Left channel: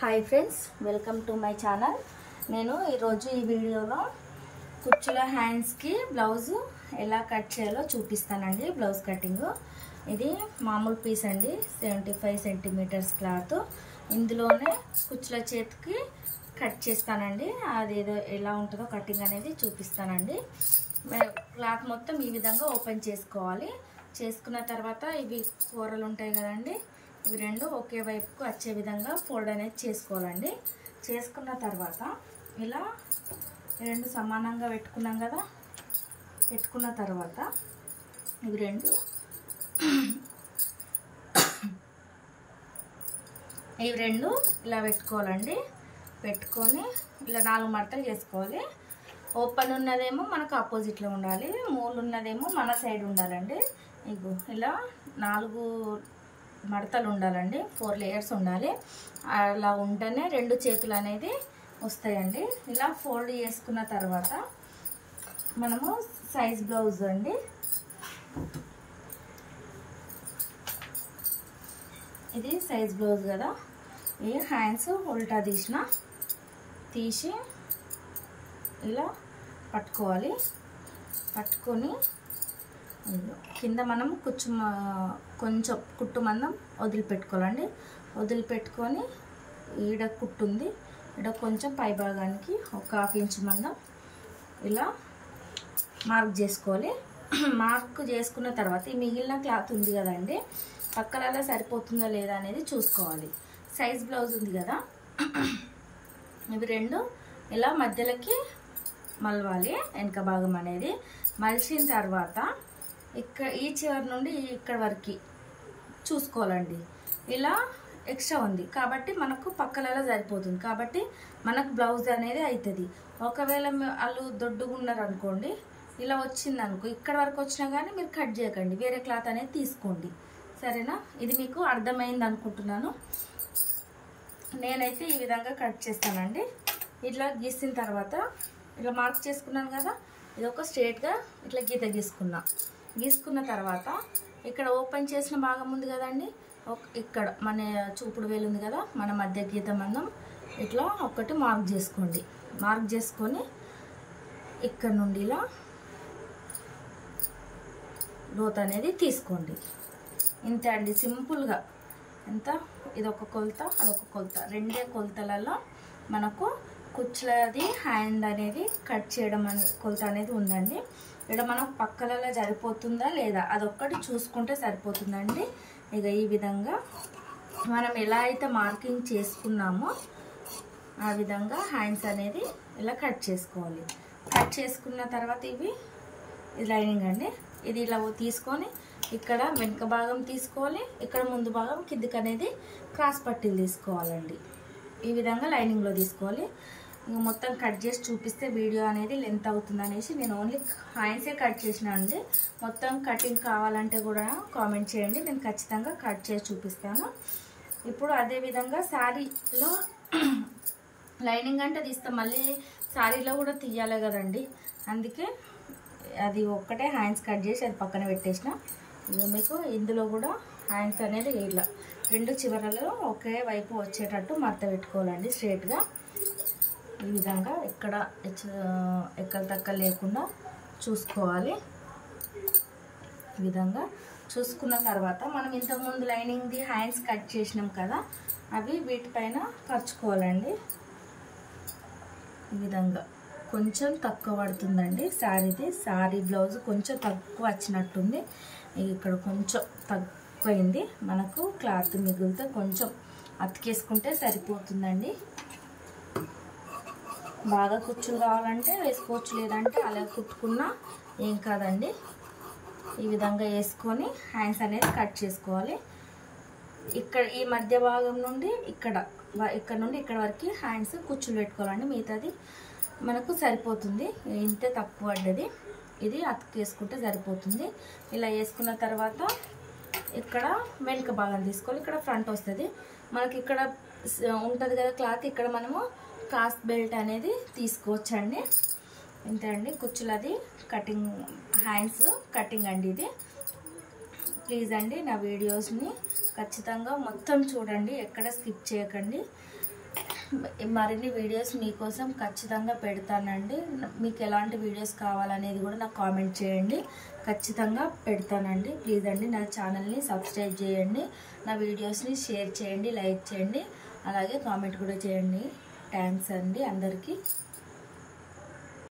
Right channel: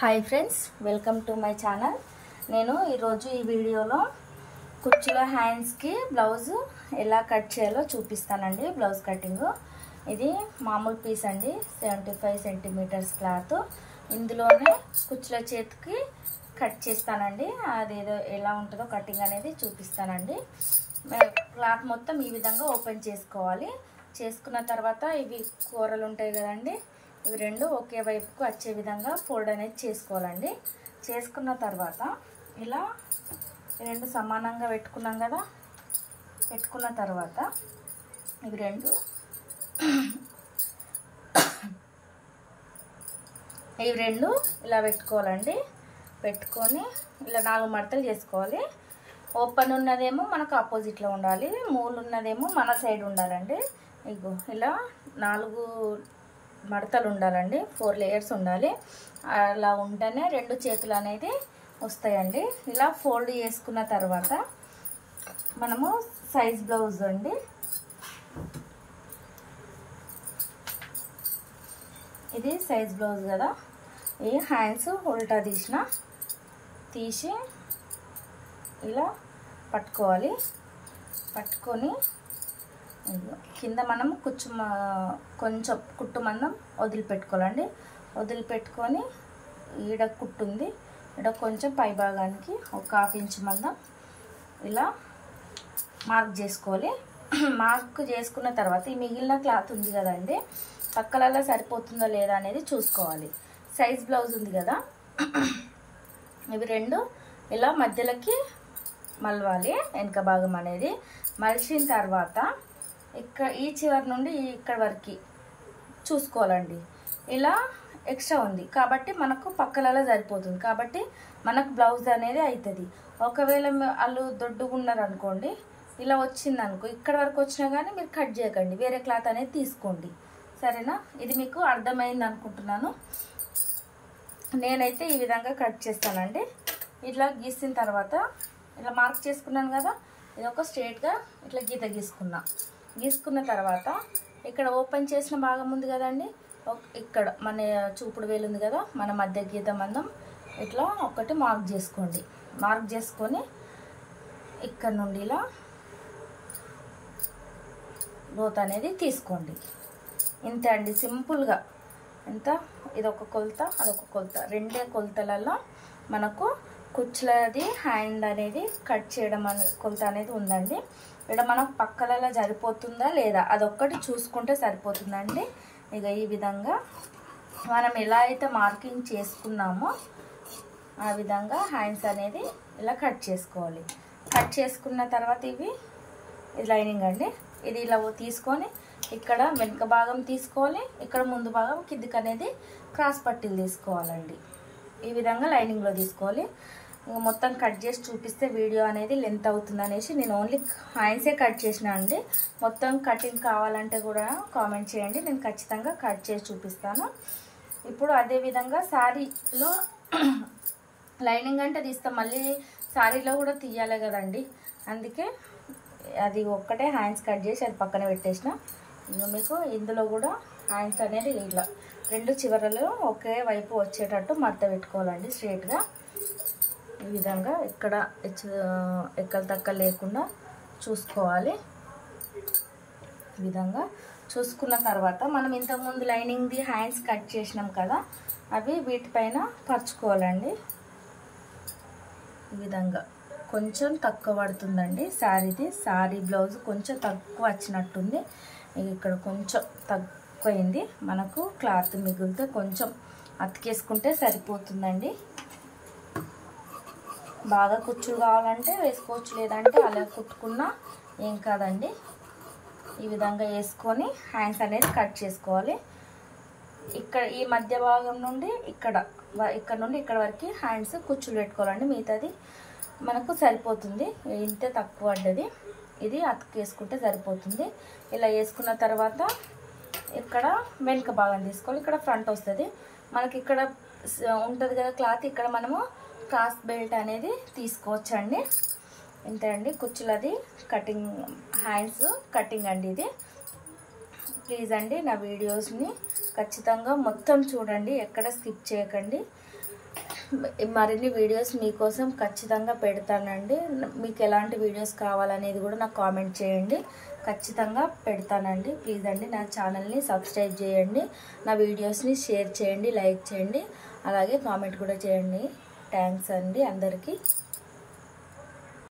Hi friends, welcome to my channel. నేను ఈరోజు ఈ వీడియోలో కుచ్చుల హ్యాండ్స్కి బ్లౌజ్ ఎలా కట్ చేయాలో చూపిస్తానండి. బ్లౌజ్ కటింగ్ ఇది మామూలు పీస్ అండి, 75 సెంటీమీటర్స్ క్లాత్. ఇందులోనే కుచ్చుల చేతికి కట్ చేస్తానండి. అదేదో ఎలా ఉంటుందో కటింగ్ అనేది చూపిస్తానండి. క్లాత్ మొత్తం ఈ విధంగా ఓపెన్ చేసుకోవాలి. చేసుకున్న తర్వాత ఇవి కూరలు ఉంటాయి కదండి, ఇవి రెండు ఒకే వైపుకు వచ్చే విధంగా ఫోల్డ్ అనేది చేసుకోవాలండి. చేసుకున్న తర్వాత ఇలా రెండు సమానంగా పెట్టుకున్నాం కదా, పెట్టుకున్న తర్వాత ఇవి రెండు ఇలా పెట్టుకోవాలండి. పెట్టుకొని ఇలా 4 మడతలు చేసుకోవాలి. ఓపెన్ ఉన్నదేమో మనకు ఆపోజిట్లో ఉండాలి, మూలు ఉన్నదేమో మన సైడ్ ఉండాలండి. ఇగో ఇలా 4 మడతలు ఉండాలండి, 4 లేయర్స్ ఉండాలి. అలా ఉంటేనే రెండు చేతులు అనేది వస్తాయండి. ఇలా ఫోల్డ్ చేసుకున్న తర్వాత మనము సైజ్ బ్లౌజ్ అండి, ఇది సైజ్ బ్లౌజ్ కదా, ఈ హ్యాండ్స్ ఉల్టా తీసి ఇలా పట్టుకోవాలి. పట్టుకొని కింద మనం కొంచెం కుట్టు మందం వదిలిపెట్టుకోవాలండి. వదిలిపెట్టుకొని ఈడ కుట్టు ఉంది, ఈడ కొంచెం పై భాగానికి ఒక 1/2 ఇంచ్ మందం ఇలా మార్క్ చేసుకోవాలి. మార్క్ చేసుకున్న తర్వాత ఈ మిగిలిన క్లాత్ ఉంది కదండి, పక్కలలో సరిపోతుందా లేదా అనేది చూసుకోవాలి. సైజ్ బ్లౌజ్ ఉంది కదా, ఇవి రెండు ఇలా మధ్యలోకి మలవాలి. వెనక భాగం అనేది మలిచిన తర్వాత ఈ చివరి నుండి ఇక్కడ వరకు చూసుకోవాలండి. ఇలా ఎక్స్ట్రా ఉంది కాబట్టి మనకు పక్కలలో సరిపోతుంది, కాబట్టి మనకు బ్లౌజ్ అనేది అవుతుంది. ఒకవేళ వాళ్ళు దొడ్డుగా ఉన్నారు అనుకోండి, ఇలా వచ్చింది అనుకో, ఇక్కడ వరకు వచ్చినా కానీ మీరు కట్ చేయకండి, వేరే క్లాత్ అనేది తీసుకోండి, సరేనా? ఇది మీకు అర్థమైంది అనుకుంటున్నాను. నేనైతే ఈ విధంగా కట్ చేస్తానండి. ఇట్లా గీసిన తర్వాత ఇలా మార్క్ చేసుకున్నాను కదా, ఇది ఒక స్ట్రేట్గా ఇట్లా గీసుకున్న తర్వాత ఇక్కడ ఓపెన్ చేసిన భాగం ఉంది కదండి, ఇక్కడ మన చూపుడు వేలు ఉంది కదా, మన మధ్య గీత మందం ఇట్లా ఒకటి మార్క్ చేసుకోండి. మార్క్ చేసుకొని ఇక్కడ నుండి ఇలా లోత్ అనేది తీసుకోండి. ఇంతే అండి, సింపుల్గా. ఎంత ఇదొక కొలత, అదొక కొలత, రెండే కొలతలలో మనకు కుచ్చులది హ్యాండ్ అనేది కట్ చేయడం కొలత అనేది ఉందండి. ఇక్కడ మనకు పక్కలలో సరిపోతుందా లేదా అదొక్కటి చూసుకుంటే సరిపోతుందండి. ఇక ఈ విధంగా మనం ఎలా అయితే మార్కింగ్ చేసుకున్నామో ఆ విధంగా హ్యాండ్స్ అనేది ఇలా కట్ చేసుకోవాలి. కట్ చేసుకున్న తర్వాత ఇది లైనింగ్ అండి, ఇది ఇలా తీసుకొని ఇక్కడ వెనుక భాగం తీసుకోవాలి, ఇక్కడ ముందు భాగం కిందికి అనేది క్రాస్ పట్టీలు తీసుకోవాలండి. ఈ విధంగా లైనింగ్లో తీసుకోవాలి. మొత్తం కట్ చేసి చూపిస్తే వీడియో అనేది లెంత్ అవుతుంది అనేసి నేను ఓన్లీ హ్యాండ్సే కట్ చేసిన అండి. మొత్తం కటింగ్ కావాలంటే కూడా కామెంట్ చేయండి, నేను ఖచ్చితంగా కట్ చేసి చూపిస్తాను. ఇప్పుడు అదేవిధంగా శారీలో లైనింగ్ అంటే తీస్తాం, మళ్ళీ శారీలో కూడా తీయాలి కదండి, అందుకే అది ఒక్కటే హ్యాండ్స్ కట్ చేసి అది పక్కన పెట్టేసిన. మీకు ఇందులో కూడా హ్యాండ్స్ అనేది ఇలా రెండు చివరలు ఒకే వైపు వచ్చేటట్టు మడత పెట్టుకోవాలండి స్ట్రేట్గా. ఈ విధంగా ఎక్కడ తక్క లేకుండా చూసుకోవాలి. ఈ విధంగా చూసుకున్న తర్వాత మనం ఇంతకుముందు లైనింగ్ది హ్యాండ్స్ కట్ చేసినాం కదా, అవి వీటిపైన పరుచుకోవాలండి. ఈ విధంగా కొంచెం తక్కువ పడుతుందండి శారీ బ్లౌజ్ కొంచెం తక్కువ వచ్చినట్టుంది. ఇక్కడ కొంచెం తక్కువైంది, మనకు క్లాత్ మిగిలితే కొంచెం అతికేసుకుంటే సరిపోతుందండి. బాగా కుచ్చులు కావాలంటే వేసుకోవచ్చు, లేదంటే అలా కుట్టుకున్నా ఏం కాదండి. ఈ విధంగా వేసుకొని హ్యాండ్స్ అనేది కట్ చేసుకోవాలి. ఇక్కడ ఈ మధ్య భాగం నుండి ఇక్కడ నుండి ఇక్కడ వరకు హ్యాండ్స్ కుచ్చులు పెట్టుకోవాలండి, మిగతాది మనకు సరిపోతుంది. ఇంతే తక్కువ పడ్డది, ఇది అతికేసుకుంటే సరిపోతుంది. ఇలా వేసుకున్న తర్వాత ఇక్కడ వెనుక భాగం తీసుకోవాలి, ఇక్కడ ఫ్రంట్ వస్తుంది మనకి, ఇక్కడ ఉంటుంది కదా క్లాత్, ఇక్కడ మనము క్రాస్ బెల్ట్ అనేది తీసుకోవచ్చండి. ఇంతే అండి కుచ్చులది కటింగ్, హ్యాండ్స్ కటింగ్ అండి ఇది. ప్లీజ్ అండి నా వీడియోస్ని ఖచ్చితంగా మొత్తం చూడండి, ఎక్కడ స్కిప్ చేయకండి. మరిన్ని వీడియోస్ మీకోసం ఖచ్చితంగా పెడతానండి. మీకు ఎలాంటి వీడియోస్ కావాలనేది కూడా నాకు కామెంట్ చేయండి, ఖచ్చితంగా పెడతానండి. ప్లీజ్ అండి నా ఛానల్ని సబ్స్క్రైబ్ చేయండి, నా వీడియోస్ని షేర్ చేయండి, లైక్ చేయండి, అలాగే కామెంట్ కూడా చేయండి. థ్యాంక్స్ అండి అందరికీ.